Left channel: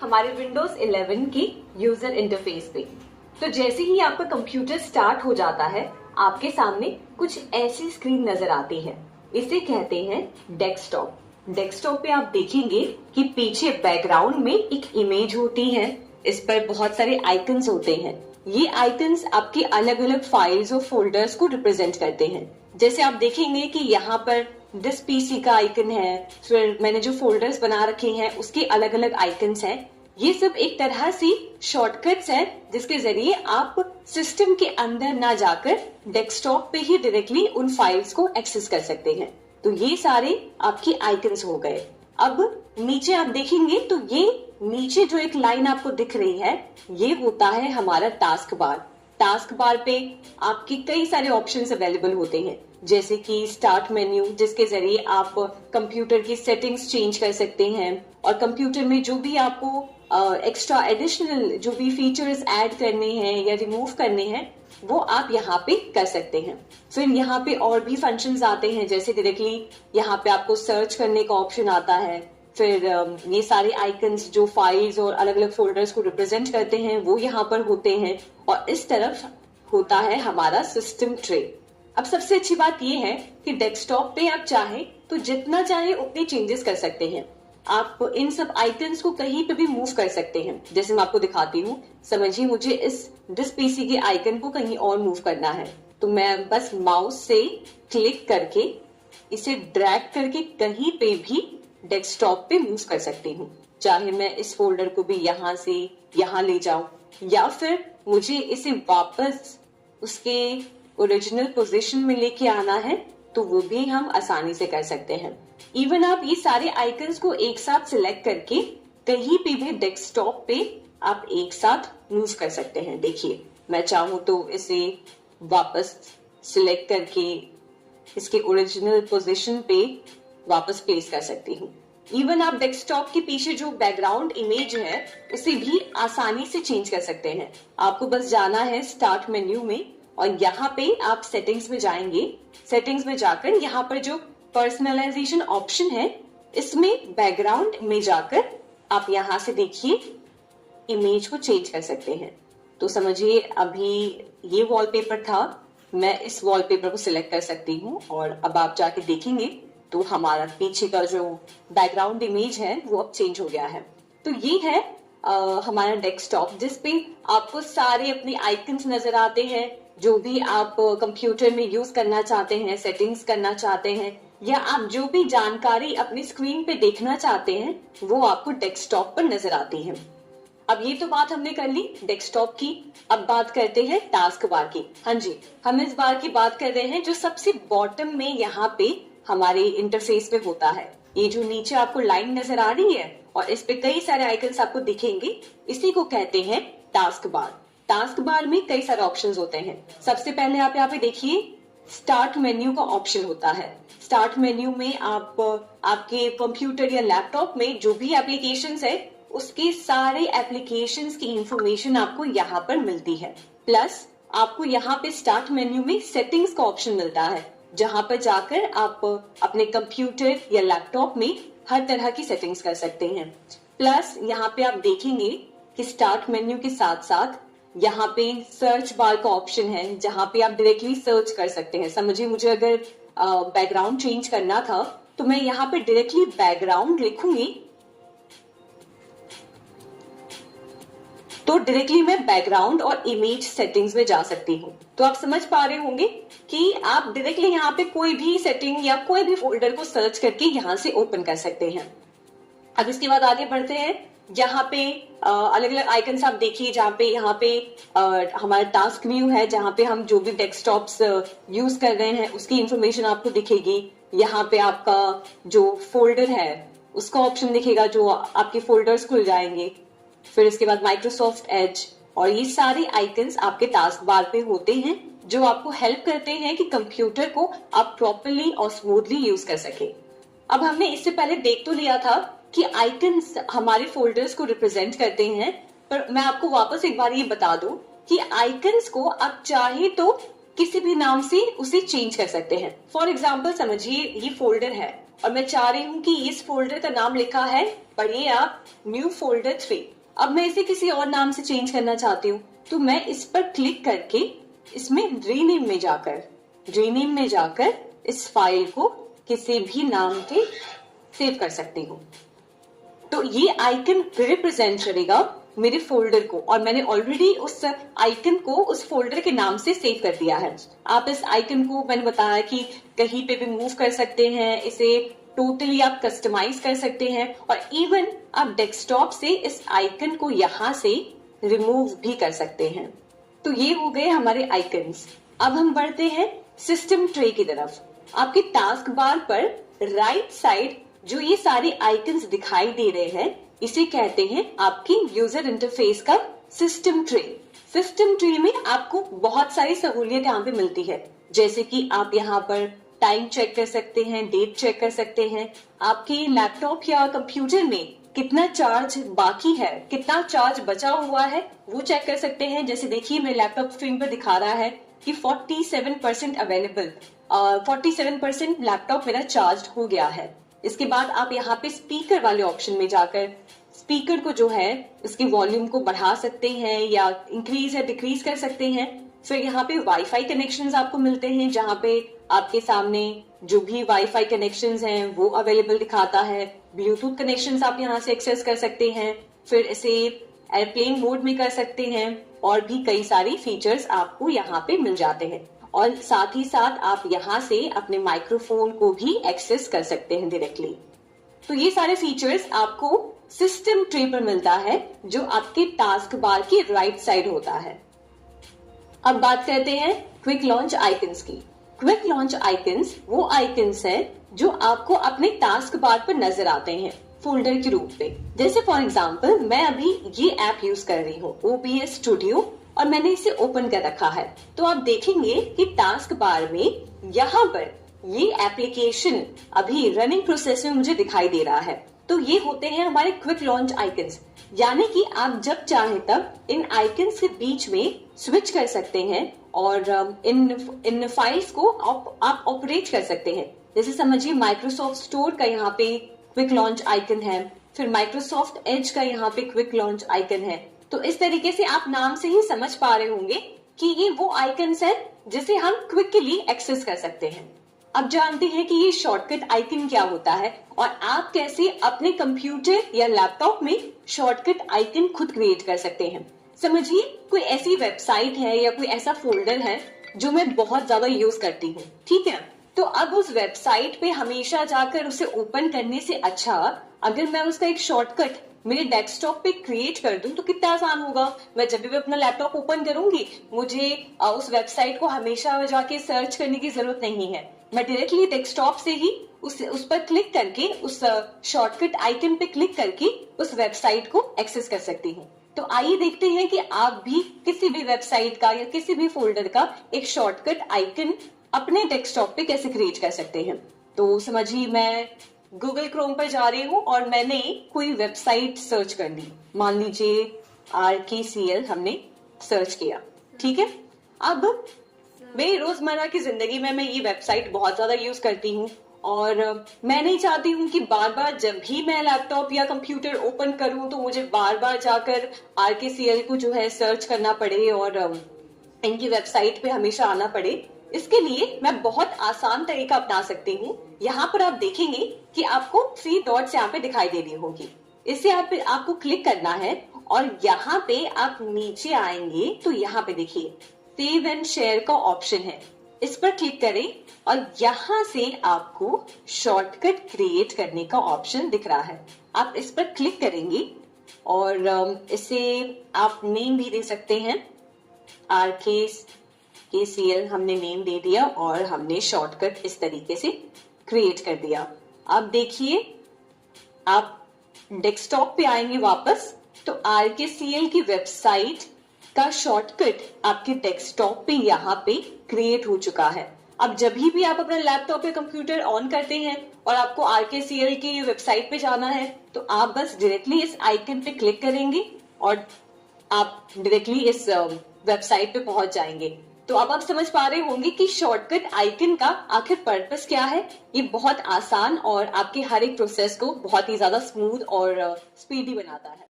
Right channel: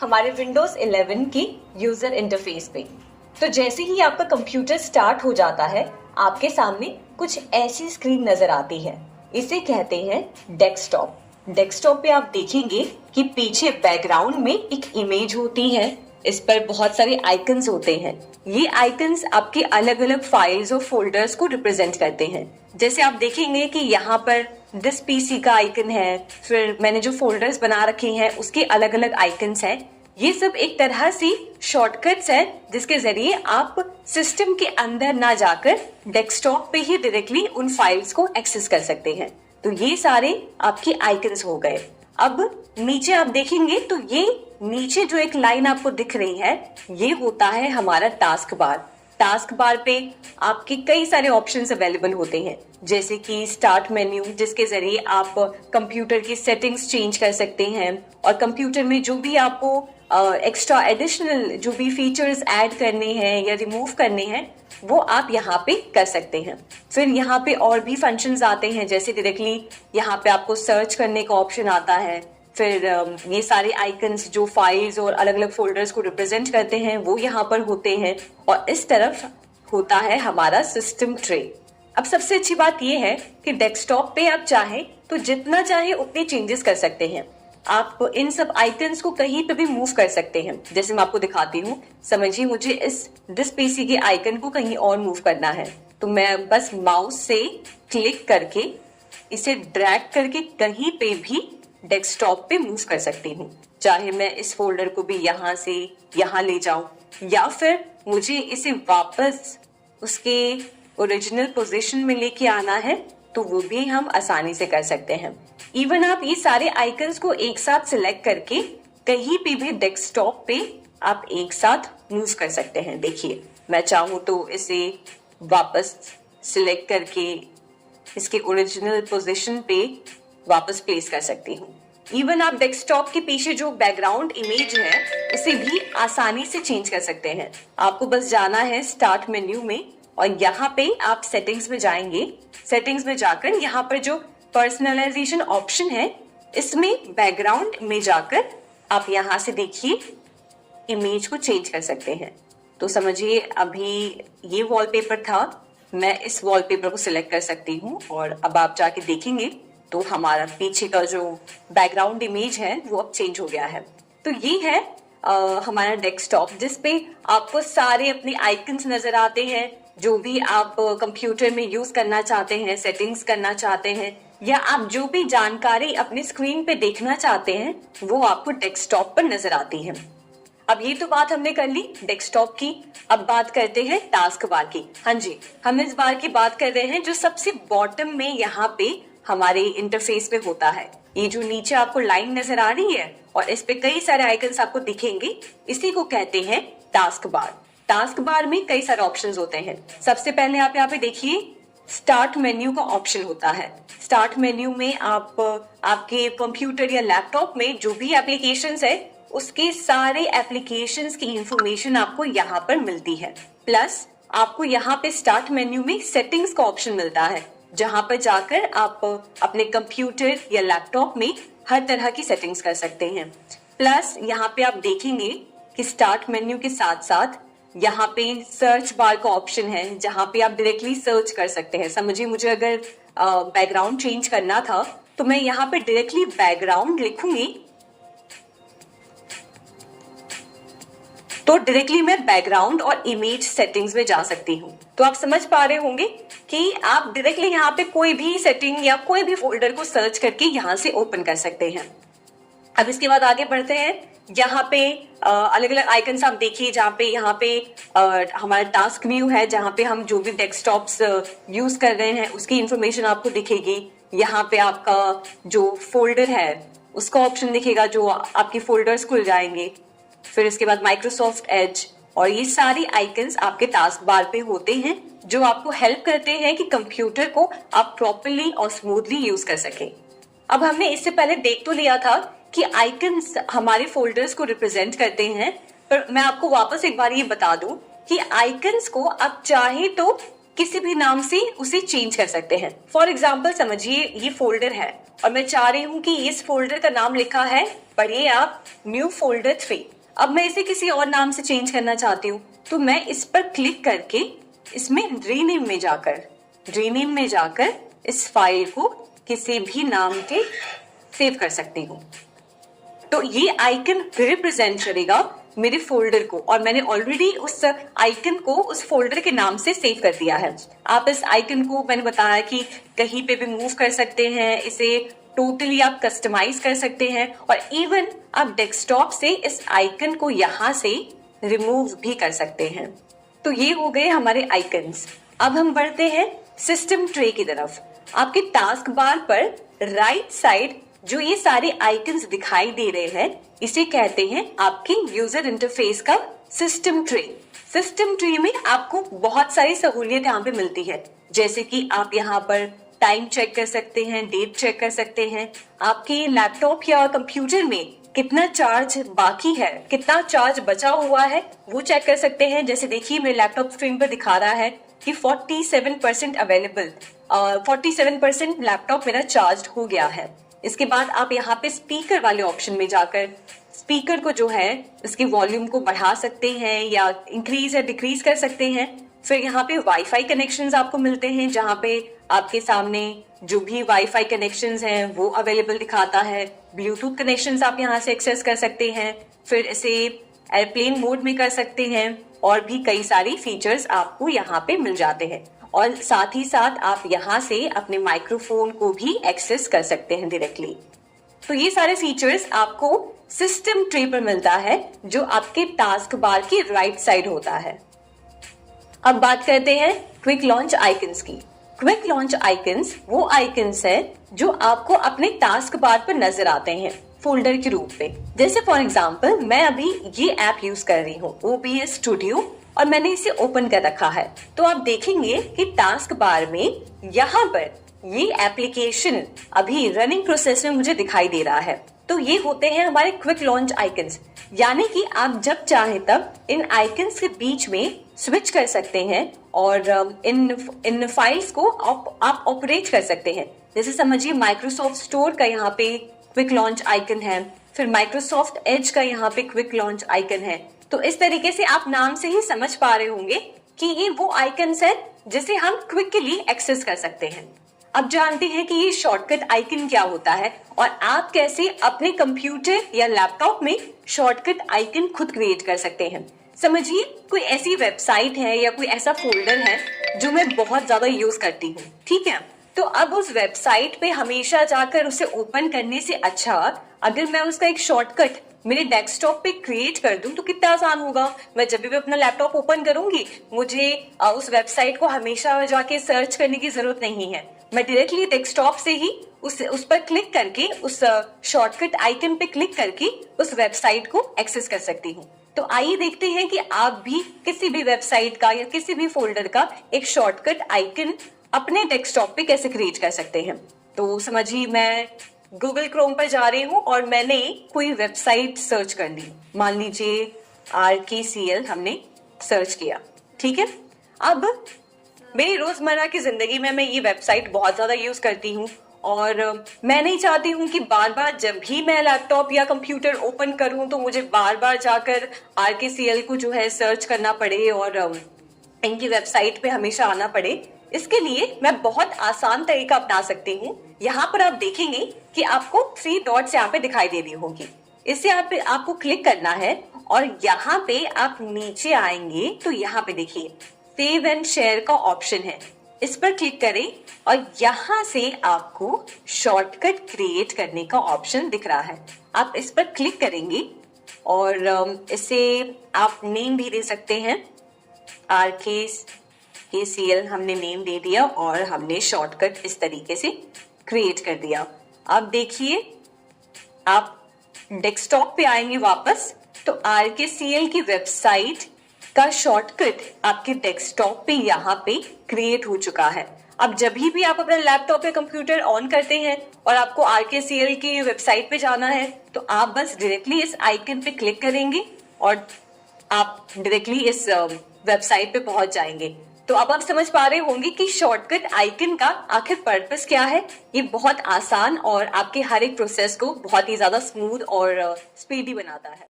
हमारे विंडोज 11 की user interface पे। तो जैसे ही आपका कंप्यूटर स्टार्ट हो जाता है, आपके सामने कुछ ऐसी स्क्रीन नजर आती है। इसे कहते हैं डेस्कटॉप। डेस्कटॉप पे आप देखेंगे कि पीछे बैकग्राउंड में एक इमेज होती है। इस पर बहुत सारे आइकन्स होते हैं। ये आइकन्स आपके अलग अलग फाइल्स और फोल्डर्स को रिप्रेजेंट करते हैं। जैसे आप देखेंगे कि यहाँ पर दिस पीसी का आइकन है, फिर मैंने जो फोल्डर्स बना रखे हैं उसके अलग अलग आइकन्स हैं। ये सब एक तरह से शॉर्टकट्स है जिसके जरिए आप सिस्टम के अंदर ना जाकर डेस्कटॉप पे ही डायरेक्टली उन फाइल्स को एक्सेस कर सकते हैं। तो ये सारे आपके आइकन्स हो गए। अब नीचे आप देखेंगे तो ये नीचे जो एक लाइन आपको दिख रही है, ये होता है हमारा टास्क बार। टास्क बार पे आपके कई सारे ऑप्शंस अवेलेबल होते हैं, जैसे कि स्टार्ट मेन्यू, जिसके जरिए आप कंप्यूटर की सेटिंग्स चेंज कर सकते हैं और कंप्यूटर में जो भी आपको एक्स्ट्रा एडिशनल जो भी फीचर्स ऐड करने हैं या रिमूव करने हैं वो आप यहाँ पे कर सकते हैं। फिर यहाँ पे और भी फंक्शंस आते हैं, जैसे डायरेक्टली यहाँ पे आपको सर्च करने का ऑप्शन आता है। फिर ये सारे आइकन्स जो फाइल्स और अलग अलग फोल्डर्स को रिप्रेजेंट करते हैं वो यहाँ पर होते हैं। और इस तरफ होता है हमारा सिस्टम ट्रे। अब सबसे अच्छी बात ये है कि डेस्कटॉप पे आप चाहे तो जितना चाहे उतने चेंजेस कर सकते हैं। आप इन सब आइकन्स को कहीं पे भी मूव कर सकते हैं। जैसे मैं आपको दिखाती हूँ, समझिए मुझे इस दिस पीसी के आइकन को कहीं और मूव करना है, तो मैं बस माउस से क्लिक करके इसे ड्रैग करके कहीं पे भी डेस्कटॉप पे मूव कर सकती हूँ। चाहे मैं इस फोल्डर को भी यहाँ से यहाँ ले जाऊं या फिर मुझे इसे वापस उसके ओरिजिनल पोजीशन में लेके आना है तो वो भी हम आसानी से कर सकते हैं। इवन आप ये सारे आइकन्स को एक साथ सिलेक्ट करके कहीं पे भी डेस्कटॉप पे आप एक साथ मूव कर सकते हैं। देखिए, मैं चाहूं तो इसे वापस सिलेक्ट करके इसके ओरिजिनल पोजीशन पे वापस प्लेस कर सकती हूँ। इवन आप डेस्कटॉप के पीछे जो बैकग्राउंड इमेज है उसे भी आसानी से चेंज कर सकते हैं। आपको बस जाना है स्टार्ट मेन्यू में और यहाँ पे आप सेटिंग्स में जाएंगे। सेटिंग्स में जाकर यहाँ पर जो पर्सनलाइजेशन ऑप्शन है इसमें बैकग्राउंड में जाकर आप यहाँ से देखिए इमेज को चेंज कर सकते हैं। तो समझिए अभी ये वॉलपेपर था, मैं इस वॉलपेपर को सिलेक्ट कर सकती हूँ और अब आप जाके देखेंगे तो हमारा पीछे का जो बैकग्राउंड इमेज है वो अब चेंज हो गया है। तो ये है हमारा डेस्कटॉप, जिसपे आपको सारे अपने आइकन्स नजर आते हैं। जो भी आप कंप्यूटर में यूज करना चाहते हैं, सेटिंग्स करना चाहते हैं या आप जो भी जानकारी अपनी स्क्रीन पे देखना चाहते हैं वो आपको डेस्कटॉप पर नजर आती है। अब ये तो बात हमने कर ली डेस्कटॉप की। अब बात करते हैं टास्क बार की। हाँ जी, हम इस बार की बात कर रहे हैं जो सबसे बॉटम में यहाँ पे हमारे इंटरफेस पे होता है। ये जो नीचे आपको लाइन नजर आ रही है और इस पे कई सारे आइकन्स आपको दिखेंगे, इसी को कहते हैं टास्क बार। टास्क बार में कई सारे ऑप्शंस होते हैं। सबसे पहले आप यहाँ पे देखिए स्टार्ट मेन्यू का ऑप्शन होता है। स्टार्ट मेन्यू में आप आपके कंप्यूटर या लैपटॉप में जो भी एप्लीकेशंस है उसके सारे एप्लीकेशंस की इंफॉर्मेशन आपको यहाँ पर मिलती है। प्लस आपको यहाँ पे स्टार्ट मेन्यू में सेटिंग्स का ऑप्शन मिलता है, जहां पर जाकर आप अपने कंप्यूटर या लैपटॉप में हर तरह की सेटिंग्स कर सकते हैं। प्लस यहाँ पे आप देखेंगे कि स्टार्ट मेन्यू के साथ साथ यहाँ पे सर्च बार का ऑप्शन है, जहां पे आप डायरेक्टली सर्च कर सकते हैं। समझिए मुझे अगर बैकग्राउंड चेंज करना था तो मैं यहाँ पे डायरेक्टली बैकग्राउंड लिखूंगी तो डायरेक्टली मैं बैकग्राउंड और इमेज सेटिंग्स में जा सकती हूँ। तो आप समझ पा रहे होंगे कि आप डायरेक्टली यहाँ पे कोई भी सेटिंग या कोई भी फोल्डर को सर्च करके यहाँ से ओपन कर सकते हैं। अब इसके बाद आगे बढ़ते हैं। यहाँ पे अलग अलग आइकन्स आप देखिए, जहाँ पे यहाँ पे हमारा टास्क व्यू है, जहाँ पे हम जो भी डेस्कटॉप्स यूज कर रहे हैं उसकी इंफॉर्मेशन आपको दिखेगी। यहाँ पे आपका जो फोल्डर है उसका ऑप्शन दिखेगा, जो आपके फोल्डर्स खुल जाएंगे। फिर इसके बाद माइक्रोसॉफ्ट एज और ये सारी आइकन्स आपके टास्क बार पे होते हैं, जो आपको हेल्प करते हैं कि कंप्यूटर को आप प्रॉपरली और स्मूथली यूज कर सके। अब हमने इससे पहले देख तो लिया था कि आइकन्स हमारे फोल्डर्स को रिप्रेजेंट करते हैं, पर मैं आपको वापस एक बार ये बता दूं कि आइकन्स को आप चाहे तो किसी भी नाम से उसे चेंज कर सकते हैं। फॉर एग्जाम्पल समझिए ये फोल्डर है और मैं चाह रही हूँ कि इस फोल्डर का नाम लिखा है, पढ़िए आप, न्यू फोल्डर 3। अब मैं इसे किसी और नाम से चेंज करना चाहती हूँ, तो मैं इस पर क्लिक करके इसमें रीनेम में जाकर इस फाइल को किसी भी नाम के सेव कर सकती हूँ। तो ये आइकन रिप्रेजेंट करेगा मेरे फोल्डर को, और मैंने ऑलरेडी उस आइकन को उस फोल्डर के नाम से सेव कर दिया है। आप इस आइकन को, मैंने बताया कि कहीं पे भी मूव कर सकते हैं, इसे टोटली आप कस्टमाइज कर सकते हैं, और इवन आप डेस्कटॉप से इस आइकन को यहाँ से रिमूव भी कर सकते हैं। तो ये हो गए हमारे आइकन्स। अब हम बढ़ते हैं सिस्टम ट्रे की तरफ। आपके टास्क बार पर राइट साइड जो ये सारे आइकन्स दिखाई दे रहे हैं, इसे कहते हैं आपके यूजर इंटरफेस का सिस्टम ट्रे। सिस्टम ट्री में आपको बहुत सारी सहूलियत यहाँ पे मिलती है, जैसे कि आप यहाँ पर टाइम चेक कर सकते हैं, डेट चेक कर सकते हैं, आपके लैपटॉप या कंप्यूटर में कितना चार्ज बाकी है, कितना चार्ज बचा हुआ है, वो चेक कर सकते हैं। जैसे देखिए मेरे लैपटॉप स्क्रीन पर दिखा रहा है कि 47% अवेलेबल, 47% लैपटॉप मेरा चार्ज हो गया है। इसके बाद आप यहाँ पे स्पीकर वाले ऑप्शन में जाकर स्पीकर को जो है इसकी वॉल्यूम को बढ़ा सकते हैं या इंक्रीज या डिक्रीज कर सकते हैं। फिर यहाँ पे वाईफाई कनेक्शंस आपको मिलते हैं, जहाँ पे आपके सामने जो भी वाईफाई कनेक्शंस हैं वो अवेलेबल दिखाता है। ब्लूटूथ कनेक्शंस आप यहाँ से एक्सेस कर सकते हैं, फिर इसे एयरप्लेन मोड में कर सकते हैं, और भी कई सारी फीचर्स आपको यहाँ पे मिल जाते हैं। और साथ ही साथ आप यहाँ से अपने माइक्रोफोन को भी एक्सेस कर सकते हैं डायरेक्टली। तो ये सारे फीचर्स आपको सिस्टम ट्री पर मिलता है, जो आपके टास्क बार की राइट साइड होता है। अब बात करते हैं क्विक लॉन्च आइकन्स की। क्विक लॉन्च आइकन्स वो आइकन्स है जो आपको अपने टास्क बार पर नजर आते हैं फोल्डर के रूप में। जैसे फॉर एग्जाम्पल मैं अभी ये ऐप यूज कर रही हूँ, OBS स्टूडियो, और मैंने इसे ओपन कर रखा है। तो आप देखेंगे कि टास्क बार में यहाँ पर ये एप्लीकेशन अभी रनिंग प्रोसेस में मुझे दिखाई दे रहा है। तो ये होते हैं हमारे क्विक लॉन्च आइकन्स, यानी कि आप जब चाहे तब इन आइकन्स के बीच में स्विच कर सकते हैं और इन फाइल्स को आप ऑपरेट कर सकते हैं। जैसे समझिए माइक्रोसॉफ्ट स्टोर का यहाँ पे क्विक लॉन्च आइकन है, फिर माइक्रोसॉफ्ट एज का यहाँ पे क्विक लॉन्च आइकन है। तो इस तरीके से आप नाम से ही समझ पा रहे होंगे कि ये वो आइकन्स है जिसे हम क्विकली एक्सेस कर सकते हैं। अब जानते हैं कि ये शॉर्टकट आइकन क्या होता है और आप कैसे अपने कंप्यूटर या लैपटॉप में शॉर्टकट आइकन खुद क्रिएट कर सकते हैं। समझिए कोई ऐसी वेबसाइट है या कोई ऐसा फोल्डर है जो मैं बहुत ज्यादा यूज करती हूँ, ठीक है। तो अब उस वेबसाइट पे हमेशा जाकर उसे ओपन करने से अच्छा अगर मैं उसका एक शॉर्टकट मेरे डेस्कटॉप पे क्रिएट कर दूं तो कितना आसान होगा। मैं जब भी अपना लैपटॉप ओपन करूंगी मुझे उस वेबसाइट को हमेशा जाके सर्च करने की जरूरत नहीं है। मैं डायरेक्टली डेस्कटॉप से ही उस पर क्लिक करके उस शॉर्टकट आइकन पे क्लिक करके उस वेबसाइट को एक्सेस कर सकती हूँ। तो आइए देखते हैं कि आप भी किसी भी वेबसाइट का या किसी भी फोल्डर का एक शॉर्टकट आइकन अपने डेस्कटॉप पे कैसे क्रिएट कर सकते हैं। तो समझिए मैं गूगल क्रोम पर जा रही हूँ और मैंने कोई वेबसाइट सर्च कर ली, मान लीजिए RKCL हमने सर्च किया, ठीक है। अब मेरी रोजमर्रा की जिंदगी में मैं ये वेबसाइट बहुत ज्यादा यूज करती हूँ और मैं नहीं चाहती हूँ कि बार बार जब भी मैं लैपटॉप या कंप्यूटर ओपन करूँ तो मुझे बार बार जाकर RKCL को जो है सर्च करना पड़े और इनकी वेबसाइट पे हमेशा आना पड़े। इसके लिए मैं बहुत आसान तरीका अपना सकती हूँ। यहाँ पर आप देखेंगे कि आपको 3 डॉट्स यहाँ पे दिखाई दे रही होंगी। इससे आपको क्लिक करना है और यहाँ पे आप नीचे आएंगे तो यहाँ पे देखिए सेव एंड शेयर का ऑप्शन है, इस पर क्लिक करें और यहाँ से आपको शॉर्टकट क्रिएट करने का ऑप्शन दिख रहा है। आप इस पर क्लिक करेंगे और इसे आप नेम भी दे सकते हैं। RKCL हमने नेम दे दिया और हमने शॉर्टकट इस तरीके से क्रिएट कर दिया। अब देखिए आप डेस्कटॉप पे आएंगे वापस तो RKCL की वेबसाइट का शॉर्टकट आपके डेस्कटॉप पे यहाँ पे क्रिएट हो चुका है। अब जब भी आप अपना लैपटॉप या कंप्यूटर ऑन करते हैं और आपको RKCL की वेबसाइट पे जाना है तो आप बस डायरेक्टली इस आइकन पे क्लिक करेंगे और आप डायरेक्टली इस वेबसाइट पे पहुंच जाएंगे। तो अब आप समझ पा रहे होंगे कि शॉर्टकट आइकन का आखिर पर्पस क्या है। ये बहुत आसान और आपके हर एक प्रोसेस को बहुत ही ज्यादा स्मूथ और स्पीडी बनाता है।